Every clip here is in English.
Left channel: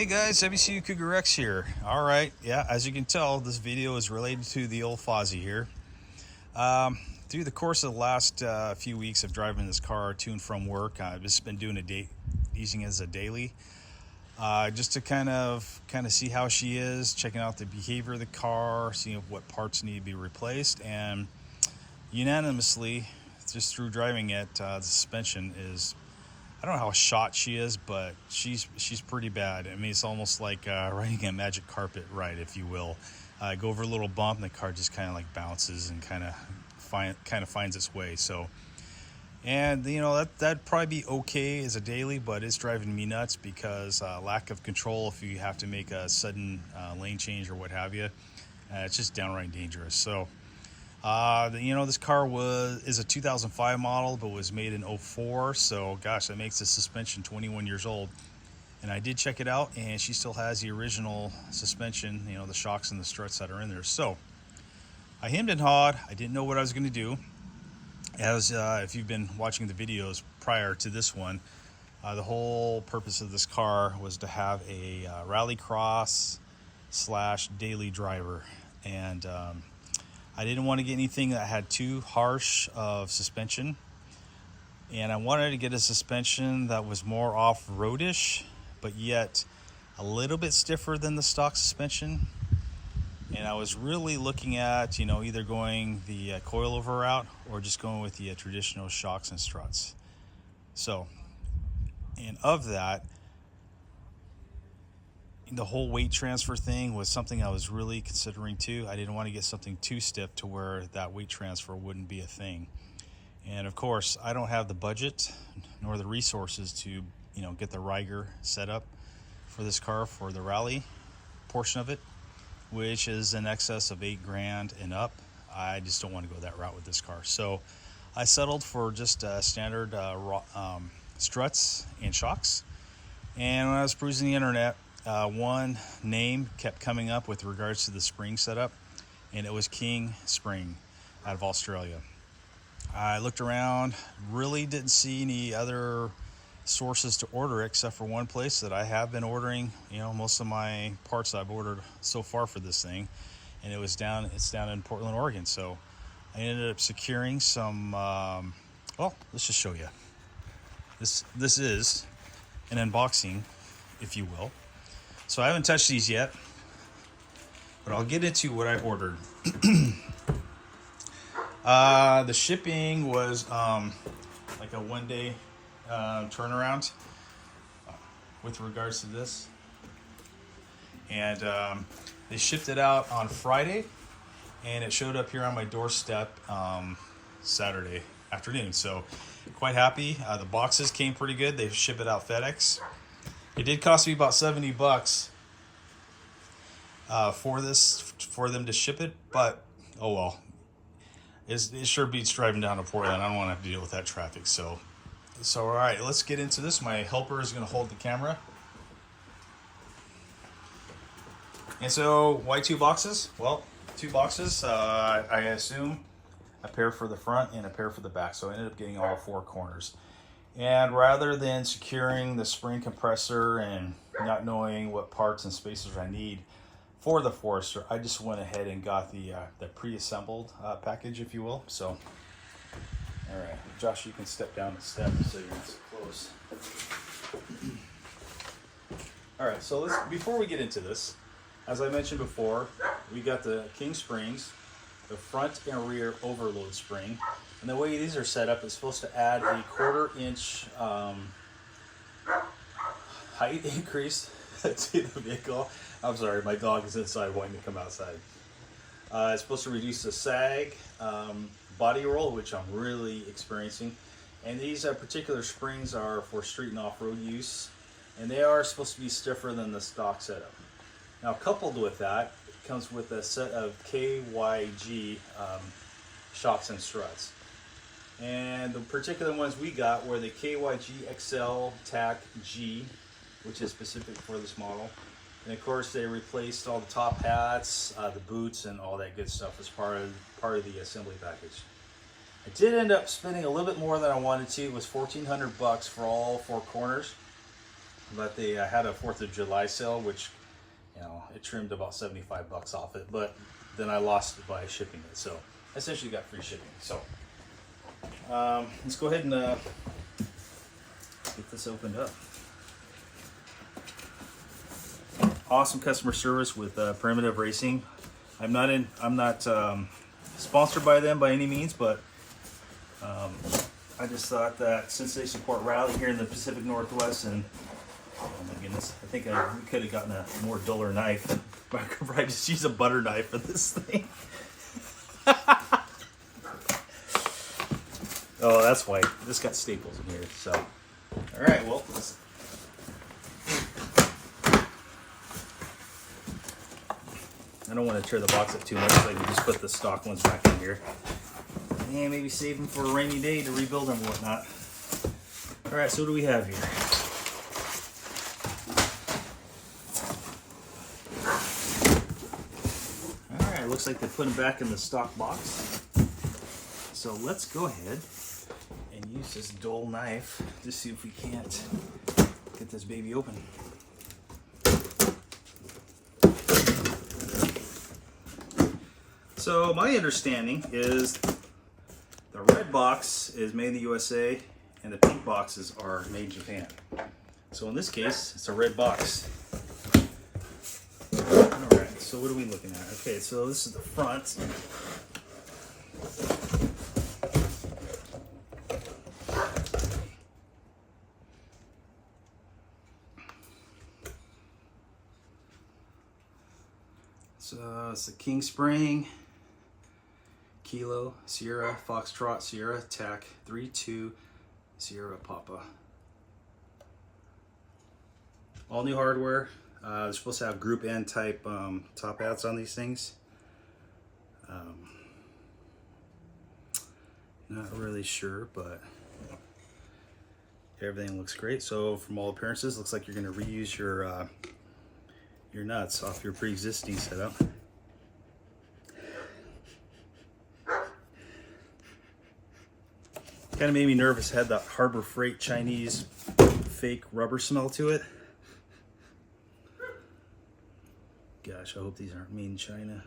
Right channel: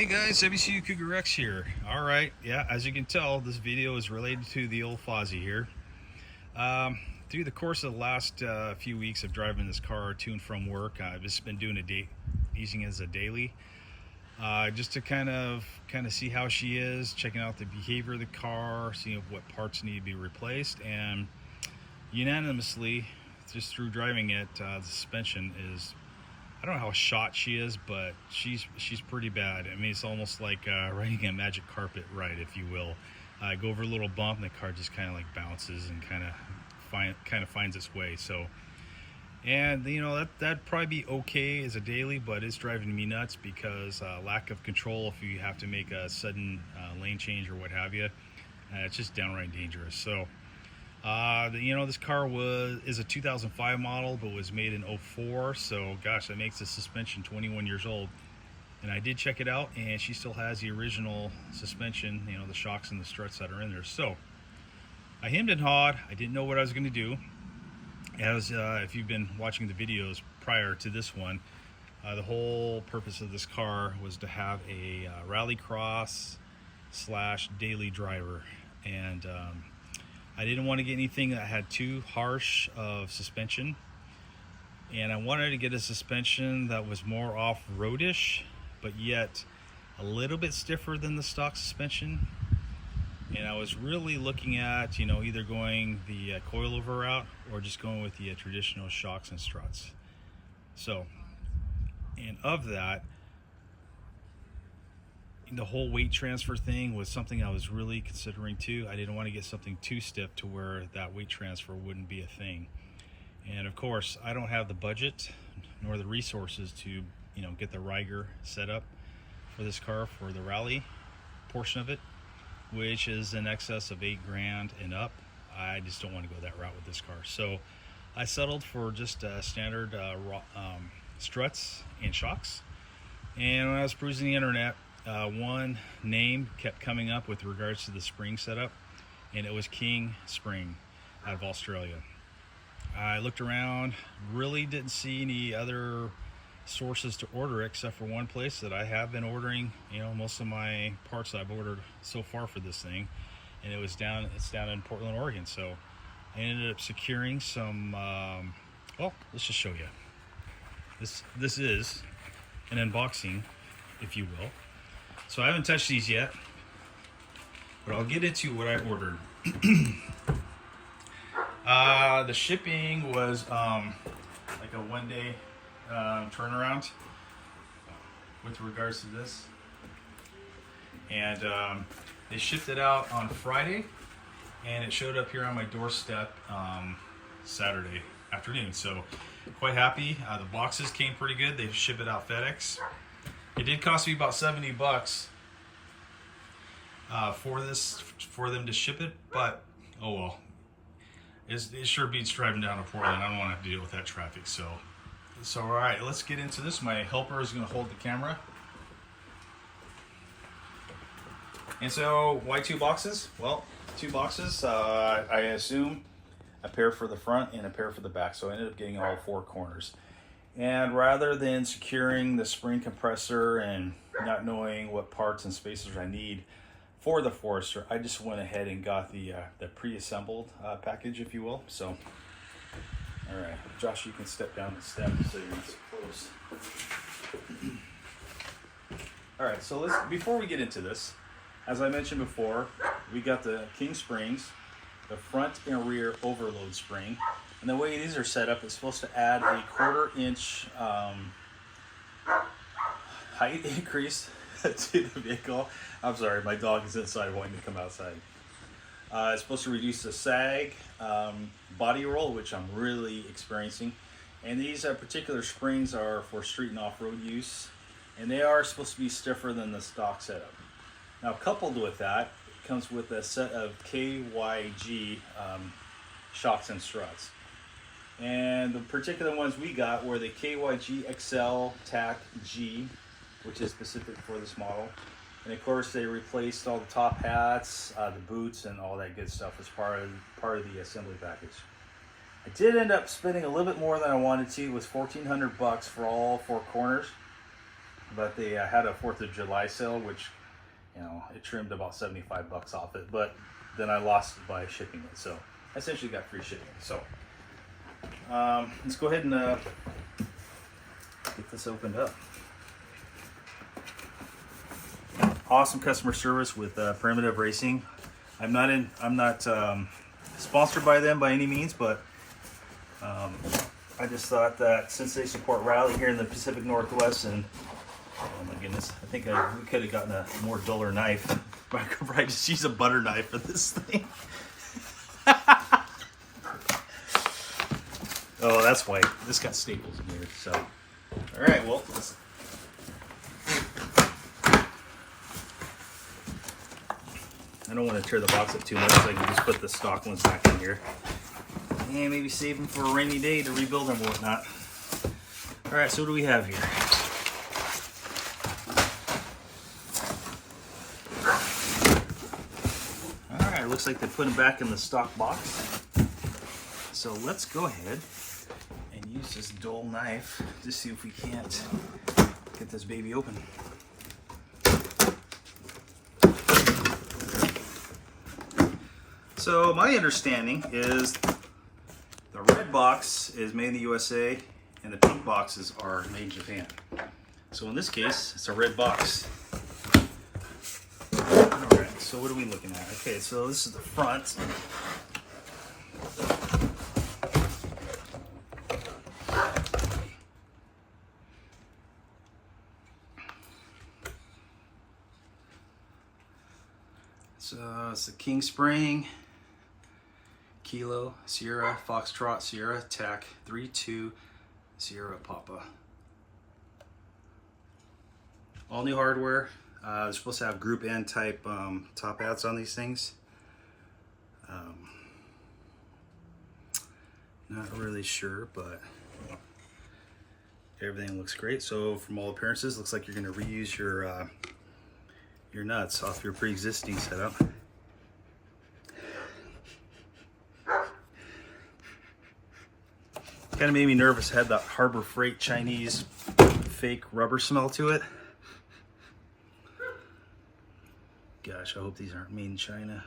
Hey guys, WCU Cougar X here. All right, yeah, as you can tell, this video is related to the old Fozzie here. Through the course of the last few weeks of driving this car to and from work, I've just been doing using it as a daily, just to kind of see how she is, checking out the behavior of the car, seeing what parts need to be replaced, and unanimously, just through driving it, the suspension is, I don't know how shot she is, but she's pretty bad. I mean, it's almost like riding a magic carpet ride, if you will. Go over a little bump, and the car just kind of like bounces and kind of finds its way. So, and you know that'd probably be okay as a daily, but it's driving me nuts because lack of control. If you have to make a sudden lane change or what have you, it's just downright dangerous. So. This car is a 2005 model, but was made in 04. So, gosh, that makes the suspension 21 years old. And I did check it out, and she still has the original suspension, the shocks and the struts that are in there. So, I hemmed and hawed. I didn't know what I was going to do. As if you've been watching the videos prior to this one, the whole purpose of this car was to have a rallycross / daily driver. And I didn't want to get anything that had too harsh of suspension, and I wanted to get a suspension that was more off-roadish, but yet a little bit stiffer than the stock suspension. And I was really looking at, either going the coilover route or just going with the traditional shocks and struts. So, and of that, the whole weight transfer thing was something I was really considering too. I didn't want to get something too stiff to where that weight transfer wouldn't be a thing. And of course, I don't have the budget nor the resources to, get the Riger set up for this car for the rally portion of it, which is in excess of $8,000 and up. I just don't want to go that route with this car. So I settled for just standard struts and shocks. And when I was perusing the internet, one name kept coming up with regards to the spring setup, and it was King Spring out of Australia. I looked around, really didn't see any other sources to order except for one place that I have been ordering, most of my parts I've ordered so far for this thing, and it's down in Portland, Oregon. So I ended up securing some, let's just show you. This is an unboxing, if you will. So I haven't touched these yet, but I'll get into what I ordered. The shipping was like a one-day turnaround with regards to this. And they shipped it out on Friday, and it showed up here on my doorstep Saturday afternoon. So quite happy. The boxes came pretty good. They ship it out FedEx. It did cost me about $70 for them to ship it, but oh well. It sure beats driving down to Portland. I don't want to have to deal with that traffic. So all right, let's get into this. My helper is going to hold the camera. And so, why 2 boxes? Well, 2 boxes. I assume a pair for the front and a pair for the back. So I ended up getting all 4 corners. And rather than securing the spring compressor and not knowing what parts and spacers I need for the Forester, I just went ahead and got the pre-assembled package, if you will. So, all right, Josh, you can step down the step so you're close. All right, so before we get into this, as I mentioned before, we got the King Springs, the front and rear overload spring. And the way these are set up, it's supposed to add a 1/4 inch height increase to the vehicle. I'm sorry, my dog is inside wanting to come outside. It's supposed to reduce the sag, body roll, which I'm really experiencing. And these particular springs are for street and off-road use. And they are supposed to be stiffer than the stock setup. Now, coupled with that, it comes with a set of KYB shocks and struts. And the particular ones we got were the KYB EXCEL-G, which is specific for this model. And of course, they replaced all the top hats, the boots, and all that good stuff as part of the assembly package. I did end up spending a little bit more than I wanted to. It was $1,400 for all 4 corners. but they had a 4th of July sale, which, you know, it trimmed about 75 bucks off it, but then I lost it by shipping it, so I essentially got free shipping. So let's go ahead and get this opened up. Awesome customer service with Primitive Racing. I'm not sponsored by them by any means, but I just thought that since they support rally here in the Pacific Northwest, and oh my goodness, I think we could have gotten a more duller knife. I could probably just use a butter knife for this thing. Oh, that's why this got staples in here. So, all right, well, I don't want to tear the box up too much, so I can just put the stock ones back in here. And maybe save them for a rainy day to rebuild them and whatnot. All right, so what do we have here? All right, looks like they put them back in the stock box. So let's go ahead and use this dull knife to see if we can't get this baby open. So my understanding is the red box is made in the USA and the pink boxes are made in Japan. So in this case, it's a red box. All right, so what are we looking at? Okay, so this is the front. So it's the King Spring, Kilo, Sierra, Foxtrot, Sierra, TAC, 3-2, Sierra, Papa. All new hardware. They're supposed to have Group N type top hats on these things. Not really sure, but everything looks great. So from all appearances, looks like you're going to reuse your nuts off your pre-existing setup. Kind of made me nervous. It had that Harbor Freight Chinese fake rubber smell to it. Gosh, I hope these aren't made in China.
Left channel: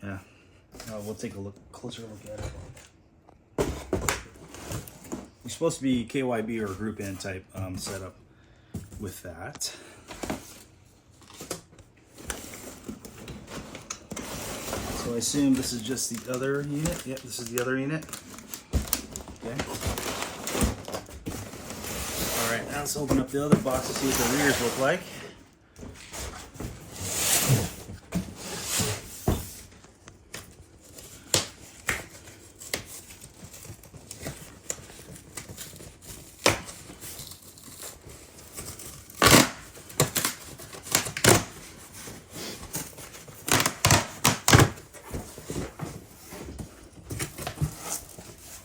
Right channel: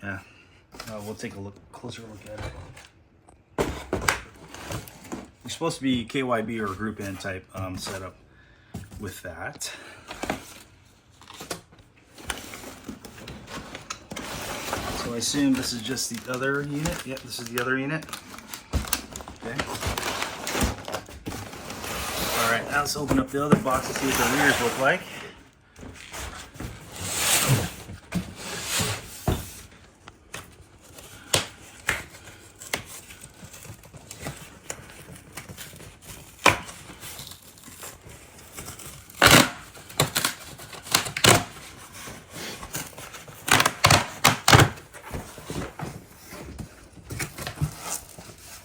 Yeah, we'll take a closer look at it. You're supposed to be KYB or Group N type setup with that. So I assume this is just the other unit. Yep, this is the other unit. Okay. All right, now let's open up the other box and see what the rears look like.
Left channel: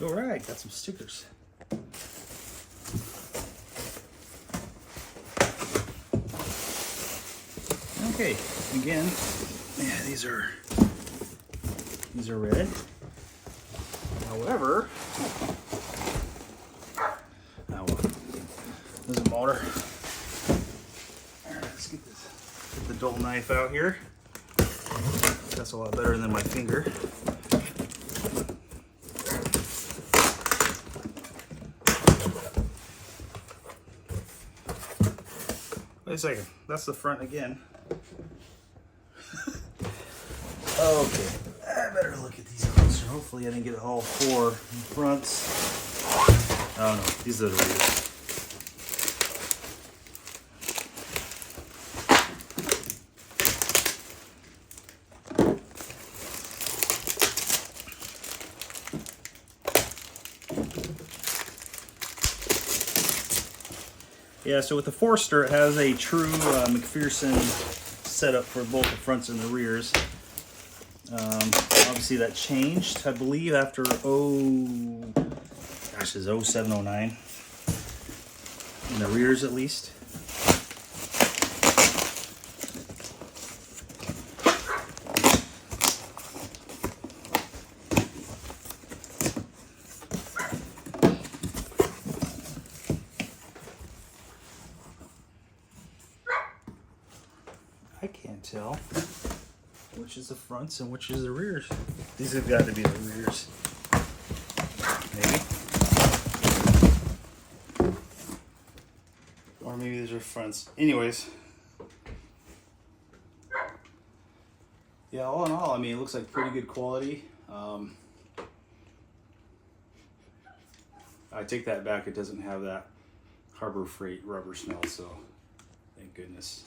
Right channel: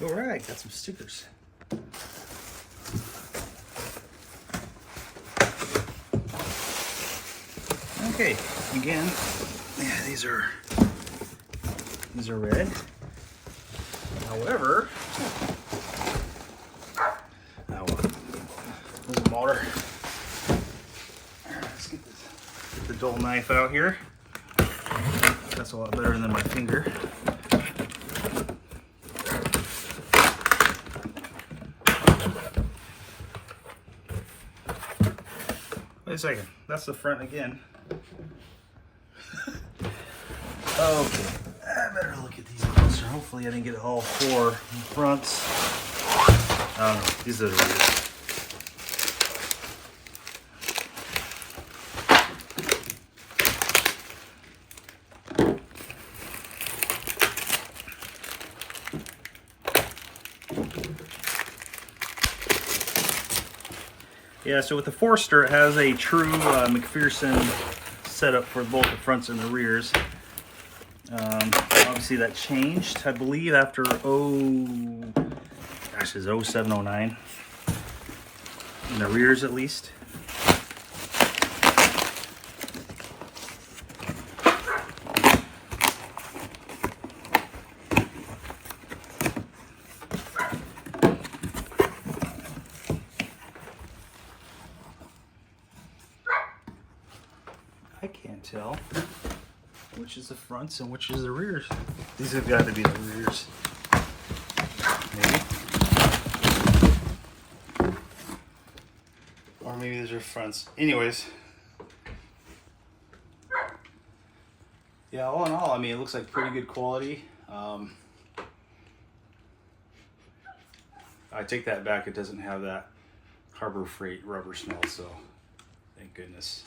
All right, got some stickers. Okay, again, yeah, these are red. However, there's a motor. Let's get the dull knife out here. That's a lot better than my finger. Wait a second, that's the front again. Okay, I better look at these closer. Hopefully I didn't get all four fronts. I don't know, these are the rears. Yeah, so with the Forester, it has a true McPherson setup for both the fronts and the rears. Obviously that changed, I believe, after it's 07, 09. In the rears at least. I can't tell which is the fronts and which is the rears. These have got to be the rears. Maybe. Or maybe these are fronts. Anyways. Yeah, all in all, I mean, it looks like pretty good quality. I take that back. It doesn't have that Harbor Freight rubber smell, so thank goodness.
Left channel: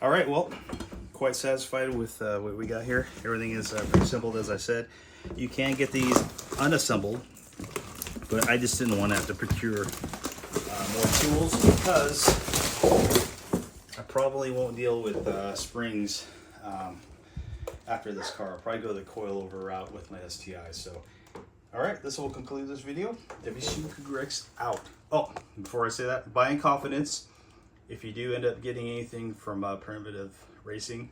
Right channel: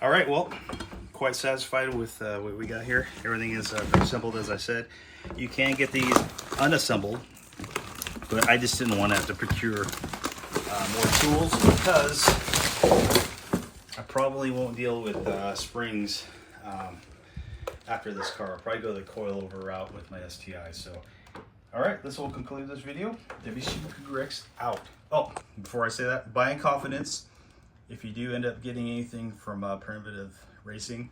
All right, well, quite satisfied with what we got here. Everything is assembled, as I said. You can get these unassembled, but I just didn't want to have to procure more tools because I probably won't deal with springs after this car. I'll probably go the coilover route with my STI. So, all right, this will conclude this video. WC Cougar X out. Oh, before I say that, buy in confidence. If you do end up getting anything from Primitive Racing,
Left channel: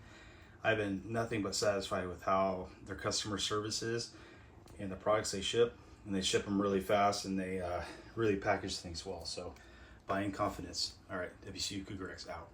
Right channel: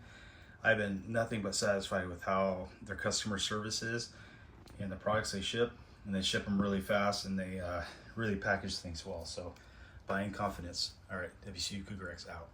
I've been nothing but satisfied with how their customer service is and the products they ship. And they ship them really fast, and they really package things well. So buy in confidence. All right, WC Cougar X out.